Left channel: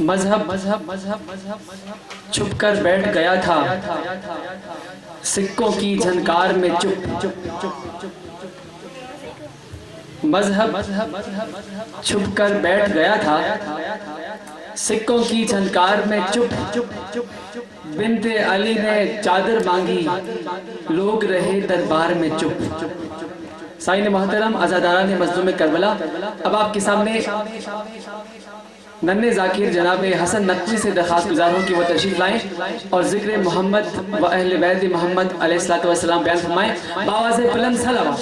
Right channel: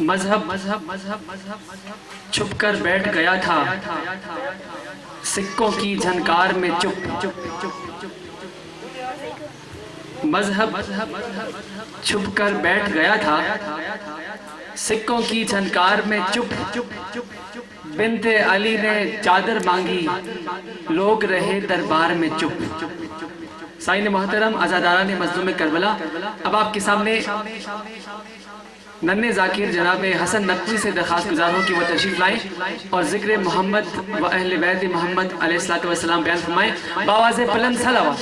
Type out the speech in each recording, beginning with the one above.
مذہب چھپ کر بیٹھ گیا تھا، سکوں کی جھنکار میں چپ، مذہب چھپ کر بیٹھ گیا تھا، سکوں کی جھنکار میں چپ، بنت علی نے چادر مانگی، لوگ رہے دربار میں چپ۔ سائن محترم، عزاداران مظلوم کربلا، اب آپ کے سامنے ننھے ذاکر جناب حسن نقوی سے درخواست گزار ہوں کہ وہ تشریف لائیں اور ذکر محمد و اہل بیت محمد علیہ السلام بیان فرمائیں بآواز بلند صلوات۔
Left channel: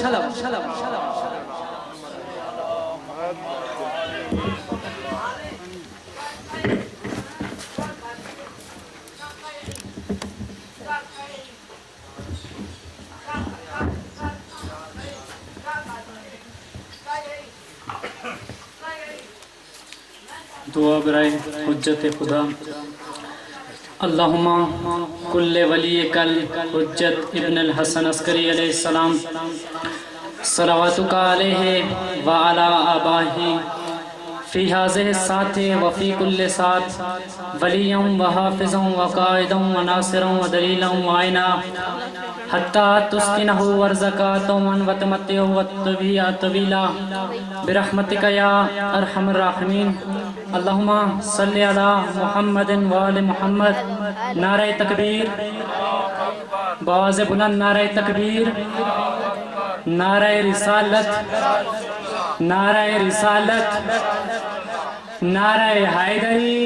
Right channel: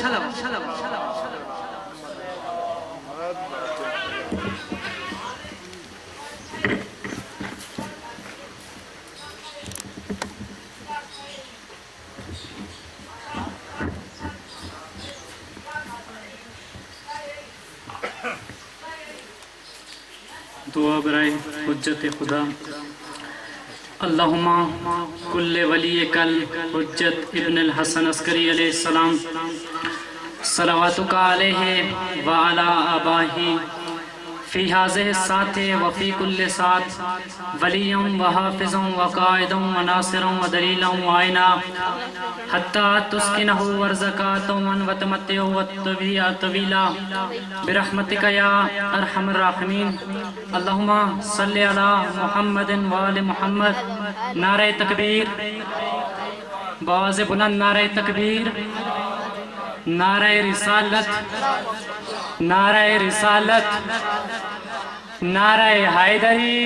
دعا برائے حجت خدا۔ اللہم کل ولی کل حجت ابن الحسن عسکری علیہ السلام، صلواتک علیہ وعلا آبائہ فی حاضر الساعت وفی کل ساعت، ولیا وحافظا وقائدا وناصرا ودلیلا وعینا، حتی تسکنہ ورزقا طوعا وتمتعہ وطویلا برحمتک یا ارحم الراحمین۔ اللہم صلی علی محمد وآل محمد۔ نعرہ تکبیر، بآواز بلند نعرہ تکبیر، نعرہ رسالت، نعرہ رسالت، نعرہ حیدری،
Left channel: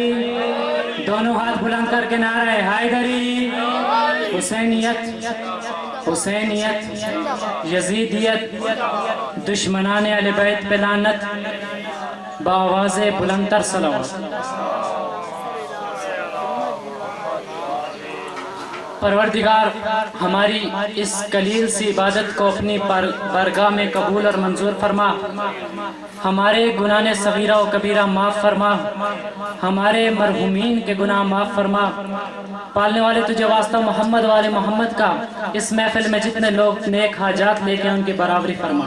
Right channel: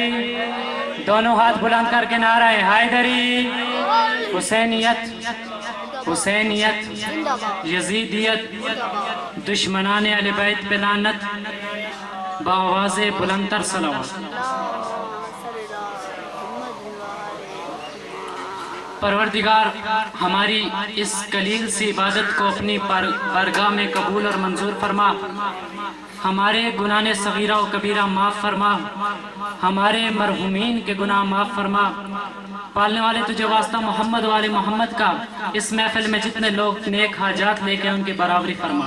دونوں ہاتھ بلند کر کے نعرہ حیدری، حسینیت، حسینیت، یزیدیت، دشمنان اہل بیت پہ لعنت، بآواز بلند تر صلوات۔ پروردگار ہماری اس قلیل سی عبادت کو اپنی بارگاہ میں قبول اور منظور فرما، ہمارے گناہ صغیرہ و کبیرہ معاف فرما، ہمارے مرحومین کے گناہ معاف فرما۔ پالنے والے تجھے واسطہ محمد والے محمد کا اس محفل میں جتنے لوگ نیک حاجات لے کے ان کی برابری فرما،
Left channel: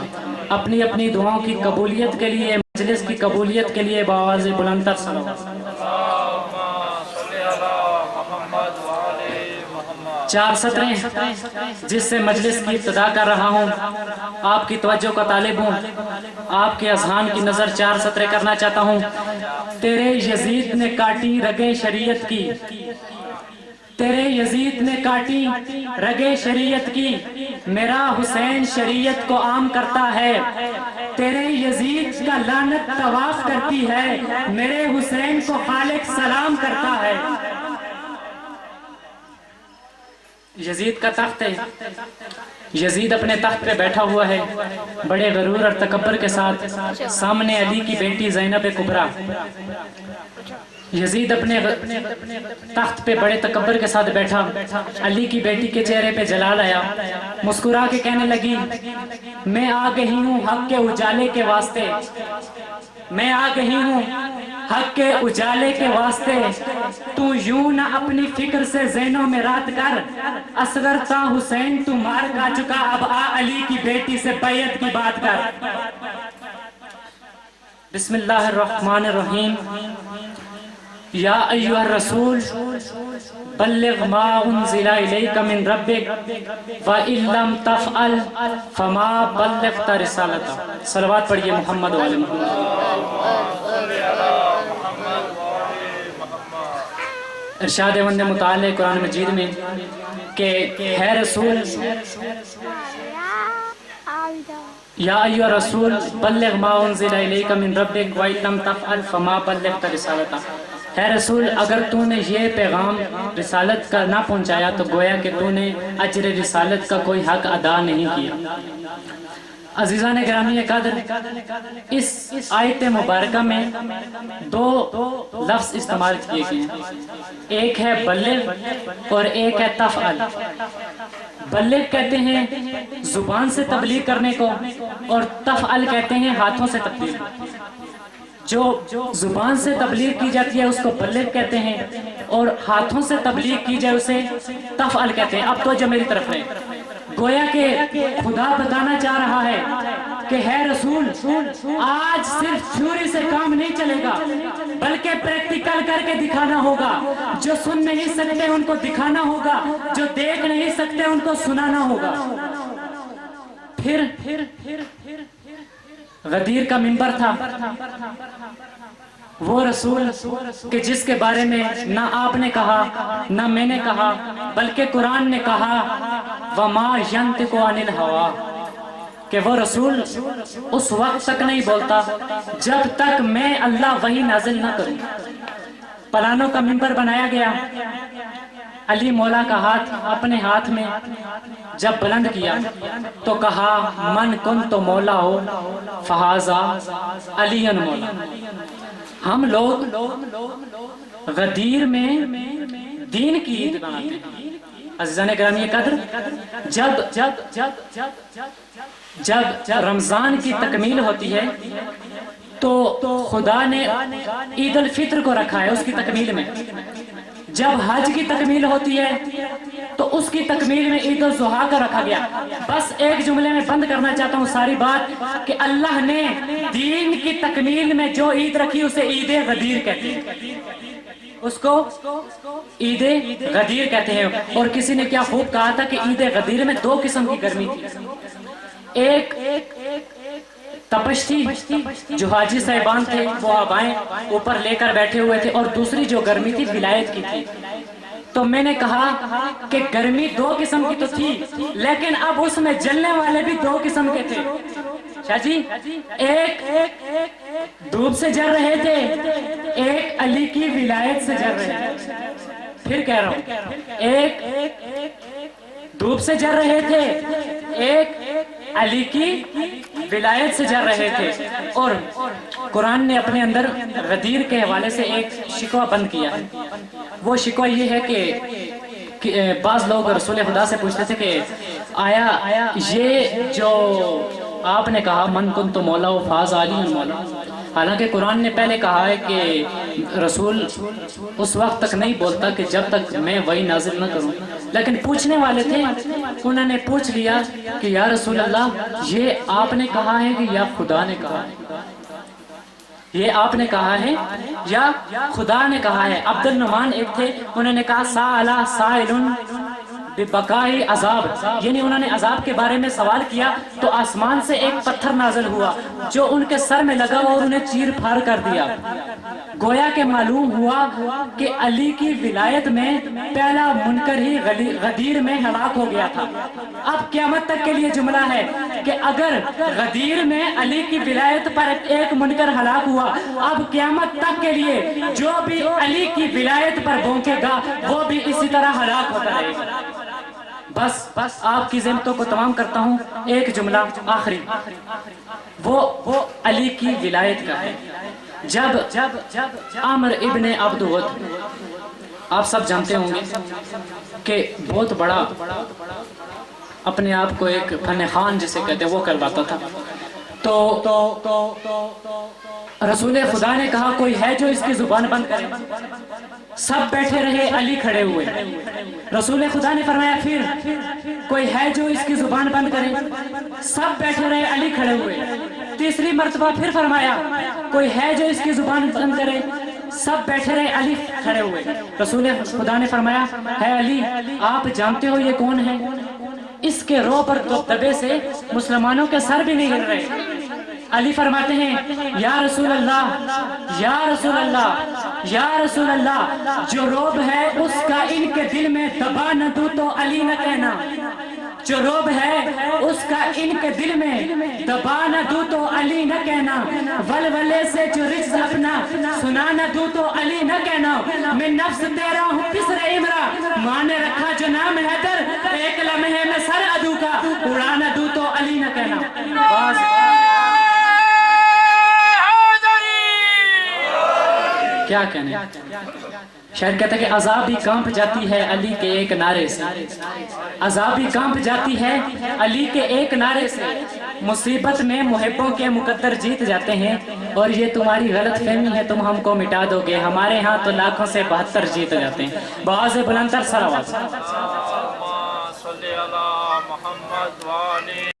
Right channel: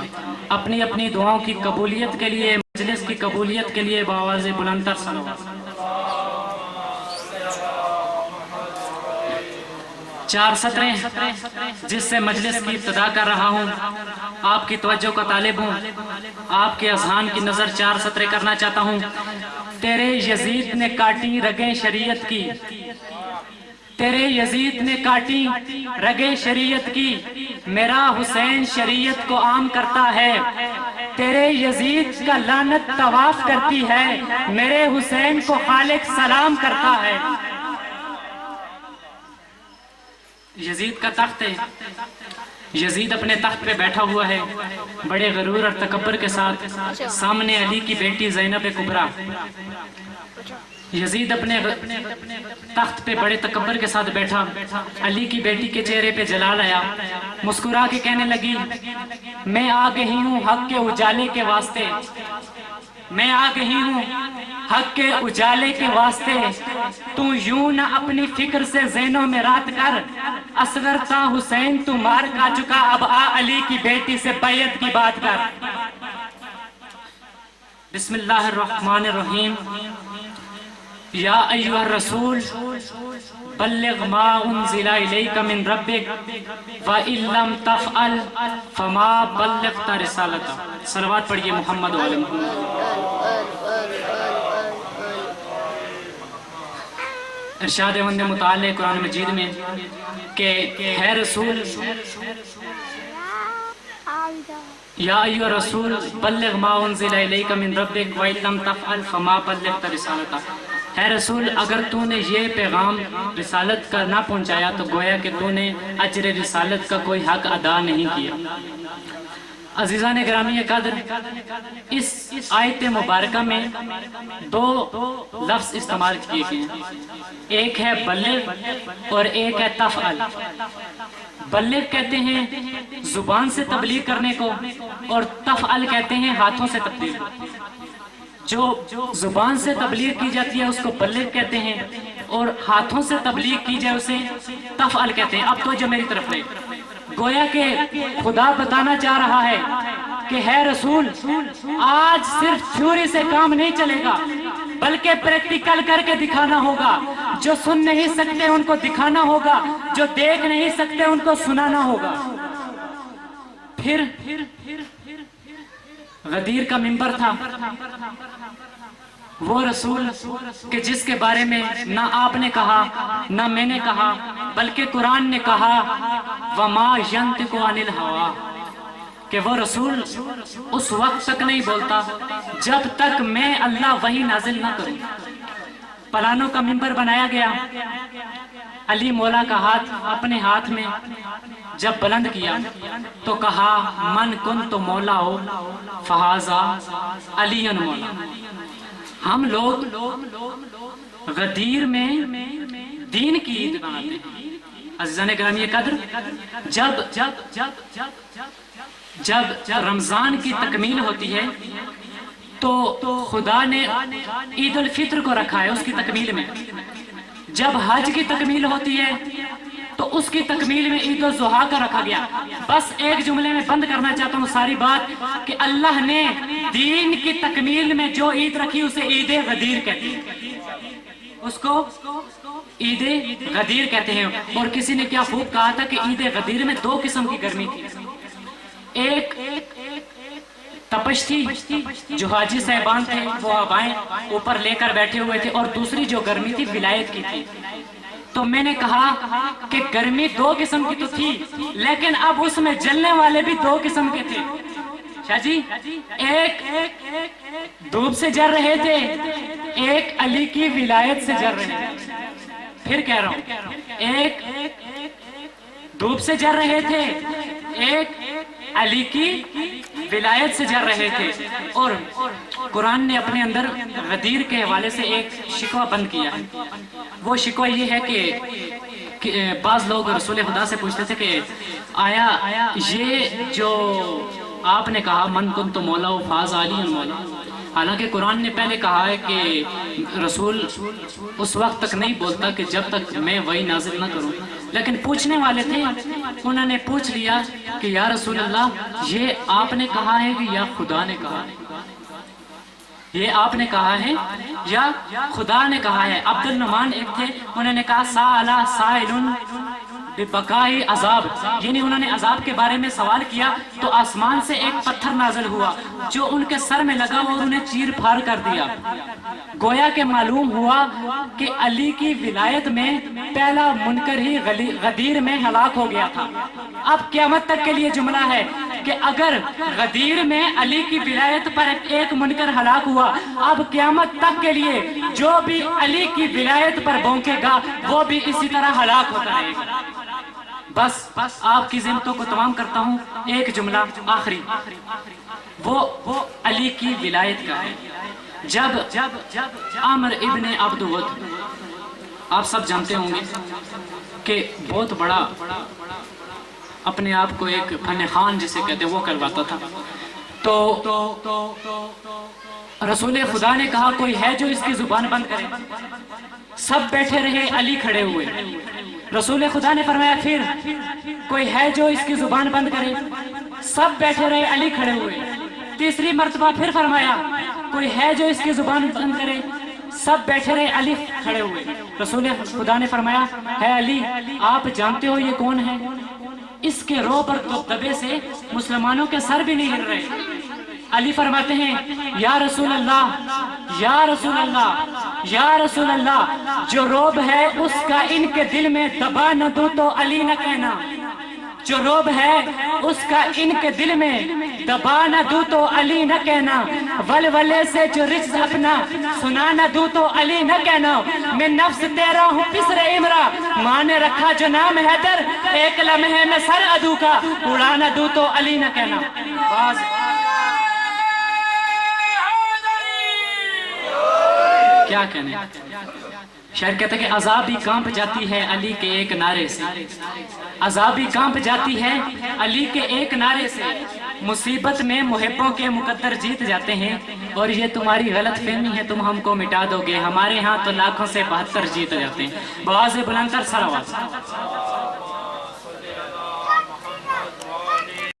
اپنی اپنی دعاؤں کی قبولیت کے لیے، مجلس کی قبولیت کے لیے بآواز بلند تر صلوات۔ 4 سطریں جس سے مجلس کی ابتدا کر رہا ہوں، آپ کی توجہ کا طالب ہوں، آپ کے اذہان کی نظر 4 سطریں کرنا چاہتا ہوں۔ تیرے یزید نے کاٹی رگیں شریعت کی، تیرے یزید نے کاٹی رگیں شریعت کی، میرا حسین شریعت کو عام کرتا ہے، تیرے یزید کا لعنت طواف کرتی ہے، میرے حسین کو خالق سلام کرتا ہے۔ یزید کا تخت ہے، یزید اپنے تخت پہ بیٹھا ہوا ہے بڑے غرور اور تکبر کے ساتھ، سامنے علی کی بیٹی زینب کبریٰ۔ یزید اپنے تخت پہ بڑے تکبر کے ساتھ بیٹھا، علی کی بیٹی کے چہرے پہ جلال آیا، مسکرا کے کہنے لگی، میں آ گئی ہوں حق کے اجالے کے واسطے، میں آ گئی ہوں حق کے اجالے کے واسطے، تو یوں نہ اپنی فکر سے ذہنوں میں رات کر، اصغر تا حسین تو مار کھا چکا، اب آ علی کی بیٹی سے بیعت کی بات کر۔ بسم اللہ الرحمن الرحیم۔ یا ایہا الرسول بلغ ما انزل الیک من ربک وَإِن لَمْ تَفْعَلْ فَمَا بَلَّغْتَ رِسَالَتَهُ۔ صلوات پڑھیے محمد والے محمد۔ ارشاد وند متعلق قرآن مجید میں کہ ہے رسول، یا ایھا الرسول بلغ ما انزل الیک من ربک وَإِن لَمْ تَفْعَلْ فَمَا بَلَّغْتَ رِسَالَتَهُ۔ ہے رسول، اگر تو نے یہ پیغام رسالت کا نہ پہنچایا تو گویا کہ تو نے اجر رسالت کا کوئی حق ادا نہیں کیا۔ عزیزان گرامی قدر، اس آیت مبارکہ میں 2 لفظ استعمال کیے گئے ہیں، ایک ہے بلغ اور ایک ہے تفعل۔ بلغ کہتے ہیں زبان سے تبلیغ کرنے کو، اور تفعل کہتے ہیں ہاتھوں سے تبلیغ۔ جو زبان سے تبلیغ کی جاتی ہے اس کو بلغ کہتے ہیں، اور ہاتھوں سے تبلیغ کی جائے اسے تفعل کہتے ہیں۔ اب تو جو میری طرف ہے، گویا کہ خدا بتانا چاہ رہا ہے کہ ہے رسول آج صرف تھیوری سے کام نہیں چلے گا بلکہ پریکٹیکل کر کے دکھانا ہوگا. جو سن نہیں سکتے ان کو دکھانا ہوگا, جو دیکھ نہیں سکتے ان کو سنانا ہوگا. پھر غدیر کا منبر تھا, وہ رسول کہ جس کے بارے میں نہ آپ نے کہا نہ میں نے کہا بلکہ قرآن نے کہا وَمَا يَنْتِقُ عَنِ الْهَوَىٰ, کہ وہ رسول اس وقت تک نہیں بولتا جب تک میں اللہ وحی نازل نہ کروں. پلانوں کا منبر بنایا گیا, علی مولا کا ہاتھ اپنے ہاتھ میں جب بلند کیا تو کہا من کنت مولا ہو فہذا علی مولا. ہم لوگ غدیر میں دین کی عید مناتے ہیں. عزیزان گرامی قدر, جب رمضان کی تکمیل ہوتی ہے تو خدا نے عید الفطر کو رکھا ہے اس کی تکمیل میں. جب حج کی تکمیل ہوتی ہے تو اس کی تکمیل میں عید الضحیٰ کا رکھا گیا. بس ایک جملے میں بند کرنا چاہتا ہوں ساری بات کہ اللہ نے دین کی تکمیل میں جو عید رکھی اسے عید غدیر کہتے ہیں, اس کو عید غدیر کہتے ہیں. اور کسی نے کیا خوب کہا تھا کہ عید غدیر میں دو قسم کی گرمی تھی, ایک تپش تھی جو حاجی صاحبان تھے وہ ہوائیں اوپر لے کر بیٹھے ہوئے تھے, اور دوسری جو گرمی تھی ولایت کی تھی. تو میں نے کہا کہ گرمی دو قسم کی تو تھی لیکن اب اس میں جلنے والے بھی دو قسم کے تھے. شاہ جی, ایک دھوپ سے جل رہے تھے, ایک علی کی ولایت سے جل رہے تھے. پھر کہہ رہا ہوں, ایک دھوپ سے جل رہے تھے, ایک علی کی ولایت سے جل رہے تھے. اور قرآن نے اپنے اندر غدیر کے حوالے سے ایک شکوہ بند کیا ہے. وہ شکوہ یہ ہے کہ بعض لوگ رسول خدا سے پوچھتے تھے کہ آیا یہ جو آپ نے کہا من کنت مولا و فاز علی مولا, حالانکہ قرآن نے پہلے کہا ہے کہ رسول اس وقت تک نہیں بولتا کہ جب تک میں وحی نازل نہ کروں. لیکن پوچھنے والے تھے, انہوں نے پوچھ لیا کہ یا رسول اللہ یہ آپ نے کہا ہے کہ یا خدا نے کہا ہے, یہ آپ نے کہا ہے یا خدا نے کہا ہے. عبد النعمان ایک تھے, انہوں نے کہا سائل سائل بقائی عذاب, یعنی انہوں نے عذاب کے بارے میں سوال کیا تو آسمان سے ایک پتھر نازل ہوا جو ان کے سر میں لگا اور انہیں چیر پھاڑ کر دیا. گویا کہ معلوم ہوا کہ علی کی ولایت میں پہلا منکر ہی غدیر میں ہلاک ہو گیا تھا. اب قیامت تک کے لیے جملہ ہے کہ اگر غدیر میں علی کی ولایت پر ایک منکر ہلاک ہوا, اب قیامت تک کے لیے جو بھی علی کی ولایت پر بھونکے گا وہ بھی اسی طرح ہلاک ہوتا رہے گا. بس آپ کی ذمتوں کو تمام کرتا ہوں, ایک جملہ آخری وہ علی کی ولایت کا ہے. جب عامر ابن عبد ود, آپ سب جانتے ہوں گے کہ بہت بڑا اپنے آپ کو ایک فن خان جسے کہتے وہ کرواتا تھا, تو رسول خدا نے کہا کوئی ہے جو اس کی زبان بند کرے. سب بیٹھے رہے, علی کھڑے ہوئے. رسول خدا نے فرمایا پھر کوئی ہے جو اس کی زبان بند کرے. سب بیٹھے رہے, علی کھڑے ہوئے. تیسری مرتبہ پھر فرمایا کوئی ہے جو اس کی زبان بند کرے. سب بیٹھے رہے, علی کھڑے ہوئے. رسول خدا نے فرمایا ہے علی آپ جانتے ہو یہ کون ہے؟ اس کے رو پر دبدبے سے مسلمانوں کے سر بھی نہیں ہل رہے. علی فرماتے ہیں یا رسول اللہ یا رسول اللہ یا رسول اللہ, جو روب ہے اس کا ان کے دل میں دبا نہ دوں تو علی نہ کہنا. جو روب ہے اس کا ان کے دل میں دبا نہ دوں تو علی نہ کہنا. ولولے سے جو رجز اپنا سنا نہ دوں تو علی نہ کہنا. میں نفس تیرا ہوں پسر امرا, ماں نے رکھا جو نام حیدر, ایک لمحے میں سر عدو کا اڑا نہ دوں تو علی نہ کہنا. کیا کہنے, شاید کہتا ہے کہ عذاب بھی کانپ جاتی ہے علی کے ایک نعرے سے, عذاب بھی کانپ جاتی ہے علی کے ایک نعرے سے. مصیبت میں محبوں کے مقدر جیت جاتے ہیں, اور یہ تمہاری غلط فہمی ہے تم ہم کو مٹا دو گے, ہمارے ہاں تو لاکھوں سے 72 جیت جاتے ہیں. بآواز بلند تر سر آواز.